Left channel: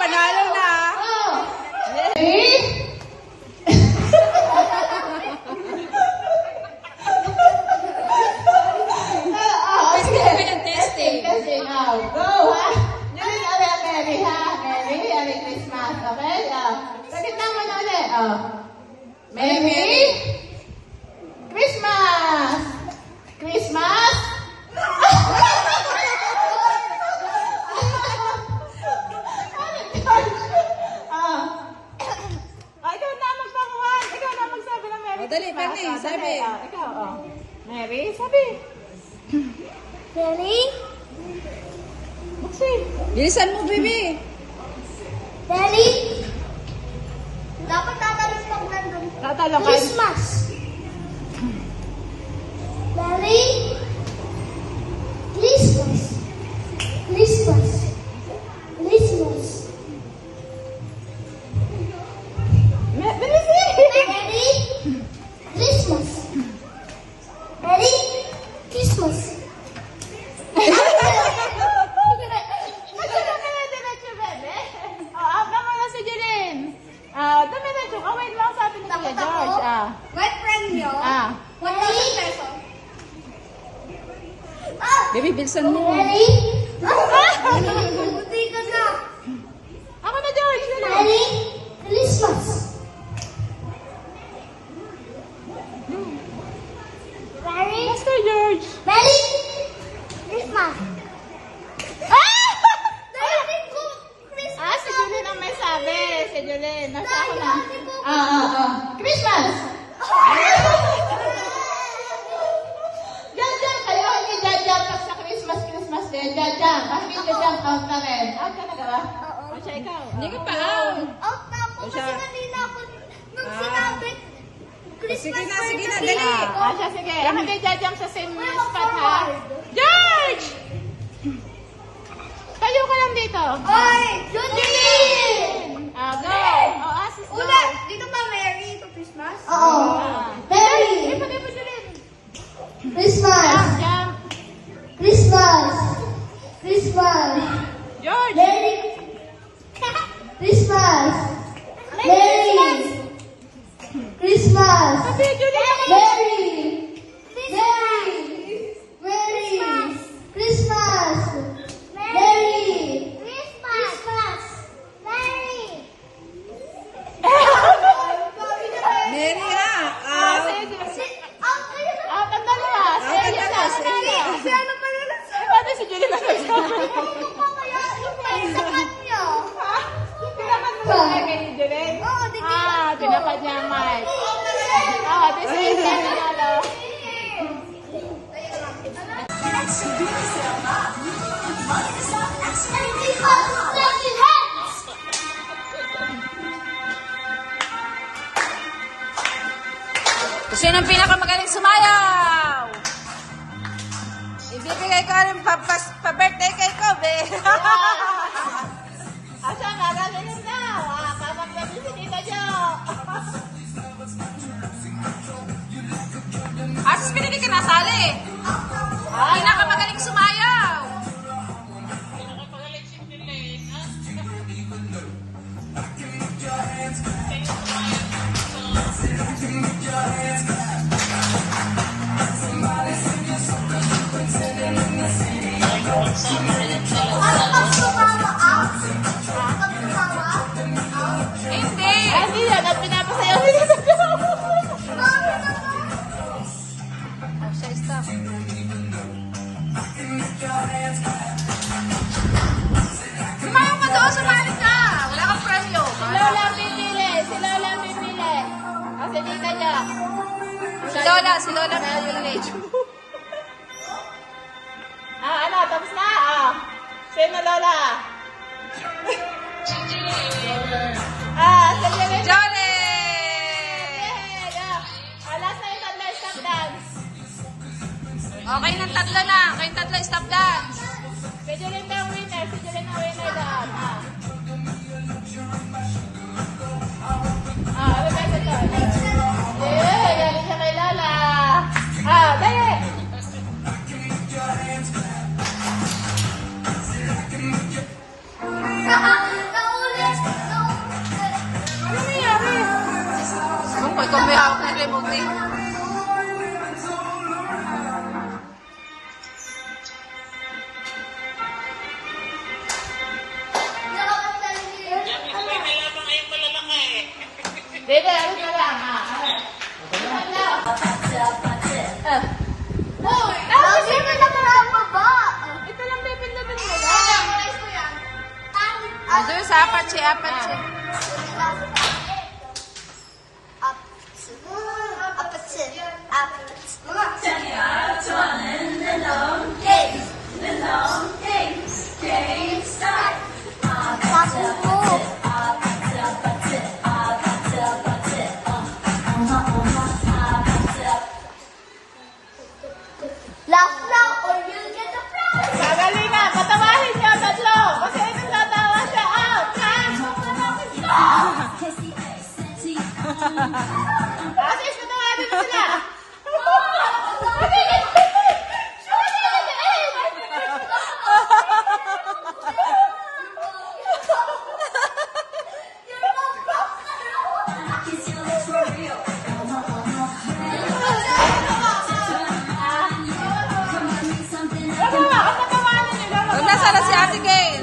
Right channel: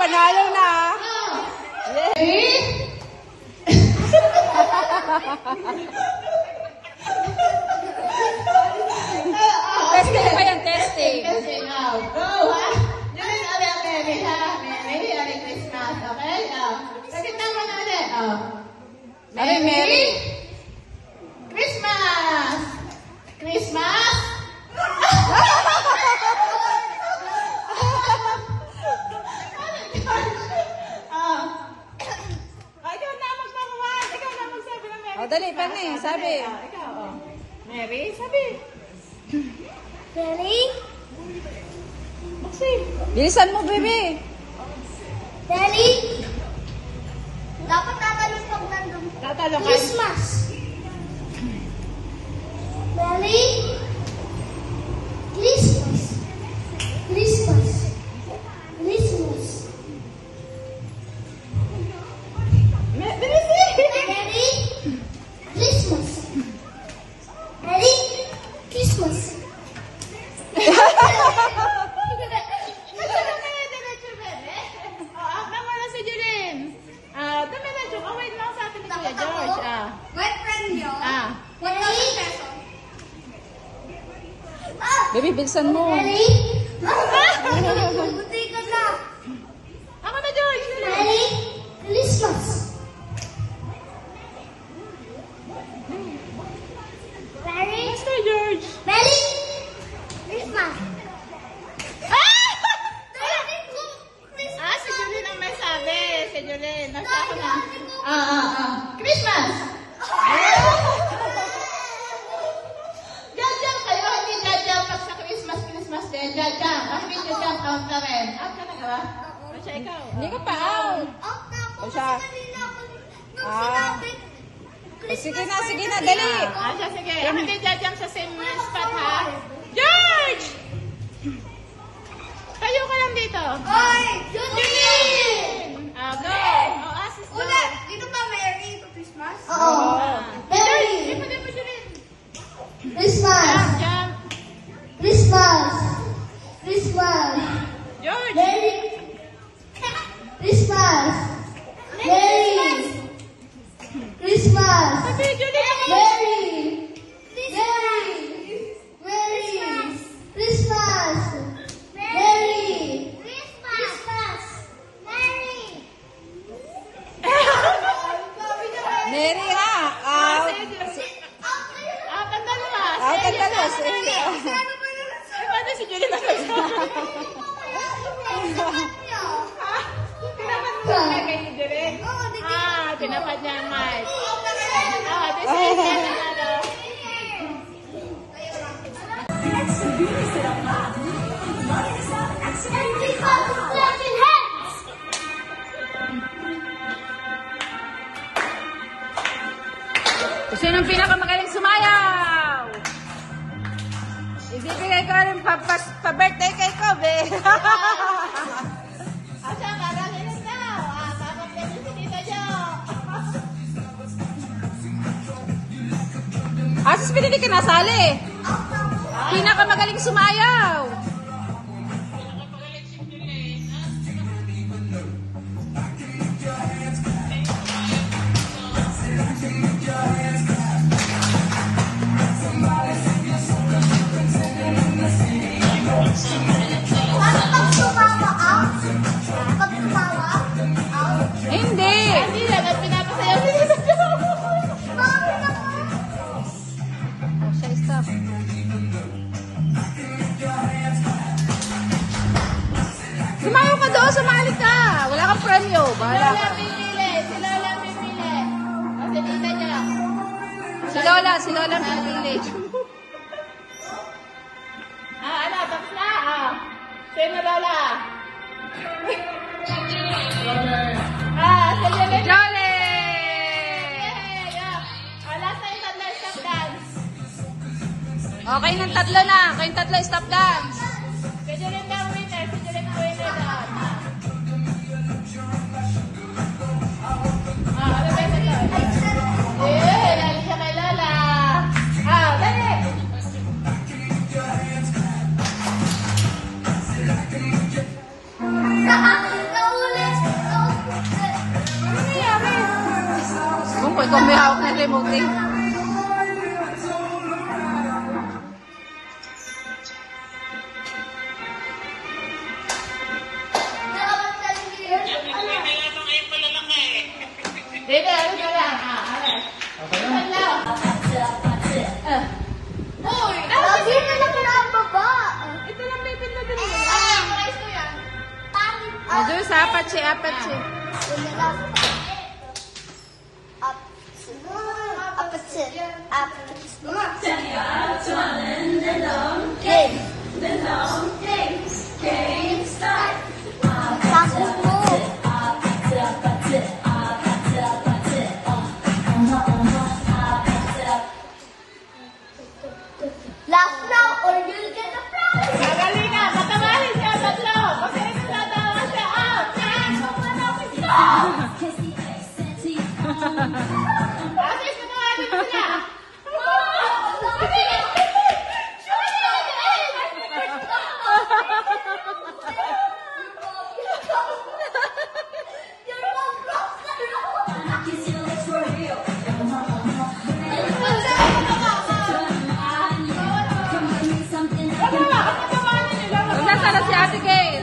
Panalo na. Testing pa yung testing. Testing now. Go! Ngayon ulit, Mary, ha? Merry Christmas, okay? Pasitan mo namin. Merry Christmas! Christmas! Dali, Penny, sabi. Mary, sabi. Mary? Bilisan mo, baby. Daddy? Dapat tatalon pag nandun. Tatalon ka. Christmas. Daddy? Christmas. Christmas. Christmas. Daddy? Christmas. Daddy? Christmas. My friend nyo, 1,000 pesos. Baby, bilisan mo. Daddy? Buti ka na. Ako na, George. Daddy? Christmas. Daddy? Basta, George. Daddy? Christmas. Daddy ko, Christmas. Si Julian ang nasabi. Si Julian. Nasabi na. Daddy ko. Christmas! Jajam! Kaliwa hindi jajam pag sa Christmas kayo. Jajam. Ang hindi jajam count na rin. Out ka na ka ba? Siya ikaw. Hindi ka pa out. Out na ako kasi kanina ako nung sinabi Sige na, birthday dali. Sige. Ang hindi jajam sa same spot ha. George! Tayo ka lang dito. Oy! Julie! Go! Ulat! Dito ba Merry ito Christmas? Oo. Merry! Christmas! Jump! Christmas! Christmas! George! Merry! Christmas! Merry! Christmas! Merry! Merry! Merry! Christmas! Merry! Christmas! Merry! Mary, ha? Out. Out ang dalawa. Out ang dalawa. Si ano ba yun? Paano si Julie na tinapad niya ang mic. Sino ang pinakamagaling sumaya? Bibigay ko rin pa-birthday kay ko, be. Asa, narating na. Papagpapit si Tita Jo. Artist, hindi ka nasali. Pinakamagaling sumayaw. Hindi. Hindi na, nagpinapasayaw. Oh, siya stop. Sumayaw ka doon, sumali ka. Wala kang premyo. Sila lang pipili. Sila lang pipili. Kasi Tita Jo. Si Lola pipili. Ano, tapos na. Sino Lola? Sige. Jolly! Wala sa'yo na stop dance. Okay, ng tatlo na. Kayong tatlo, stop dance. Pwede rin ang winner. Pwede rin ang winner na. Dali siya kay Lola. Dali. Kung kung may hawak na remote eh. Dito, una lang. Hoy! Sino na pinababa? Ito lang may pinagin mo. Guys ko yan. Doon sa Apache. Magaling na. Matawahin siya, tatlo. Kasi ito tatawa siya. Kasi sumawahin mo siya. Nasaan na si Ate Gail?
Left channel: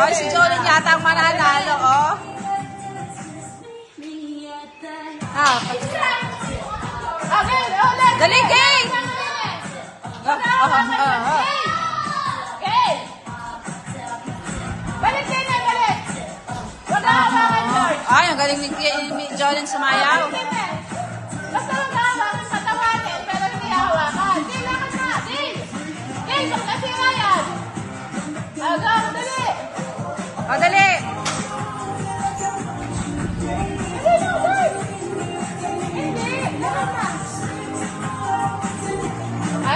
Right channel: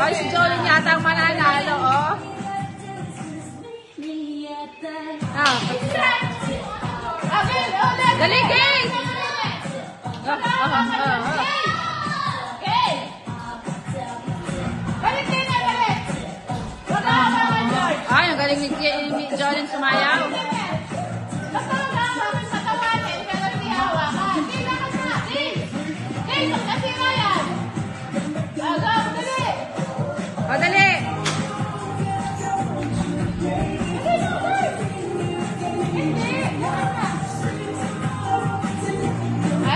Ay, si Jolene yata ang mananalo, oh. Dali, Gail! Ay, ang galing ni Jolene sumayaw. O, dali!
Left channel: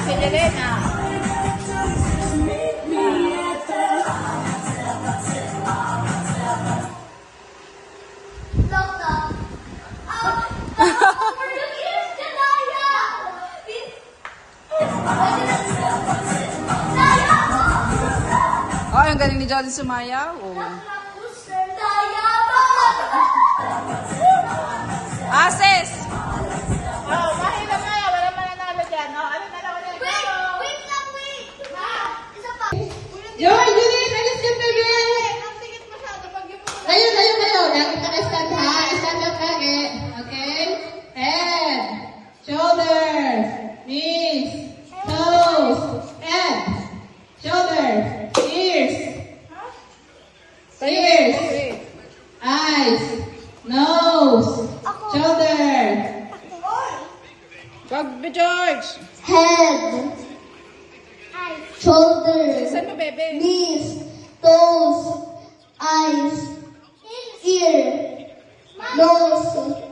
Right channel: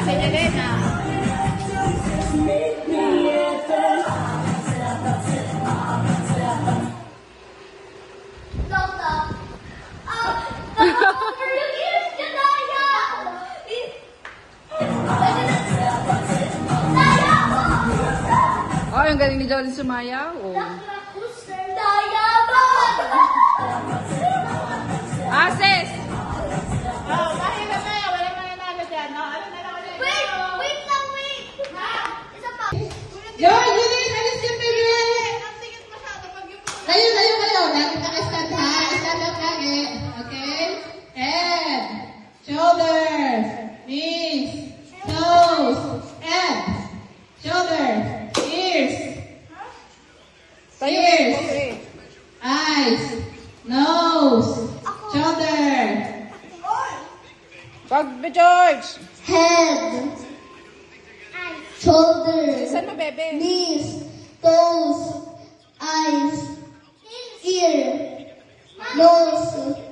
Si Delena. Oh, ang galing ni Jolene sumayaw. Oh. Sis! Kasi na tayo, wala pa nanalo dyan. No? Ano na lang ulit? Wait! Ang tingit masyado pag yung Layo. Naka-stand ha. Stand up lagi. Okay? Head. Shoulders. Knees. Toes. Head. Shoulders. Ears. Eyes. Nose. Shoulder. Wag, George! Head. Shoulders. Saan na, bebe? Knees. Toes. Eyes. Ear. Nose.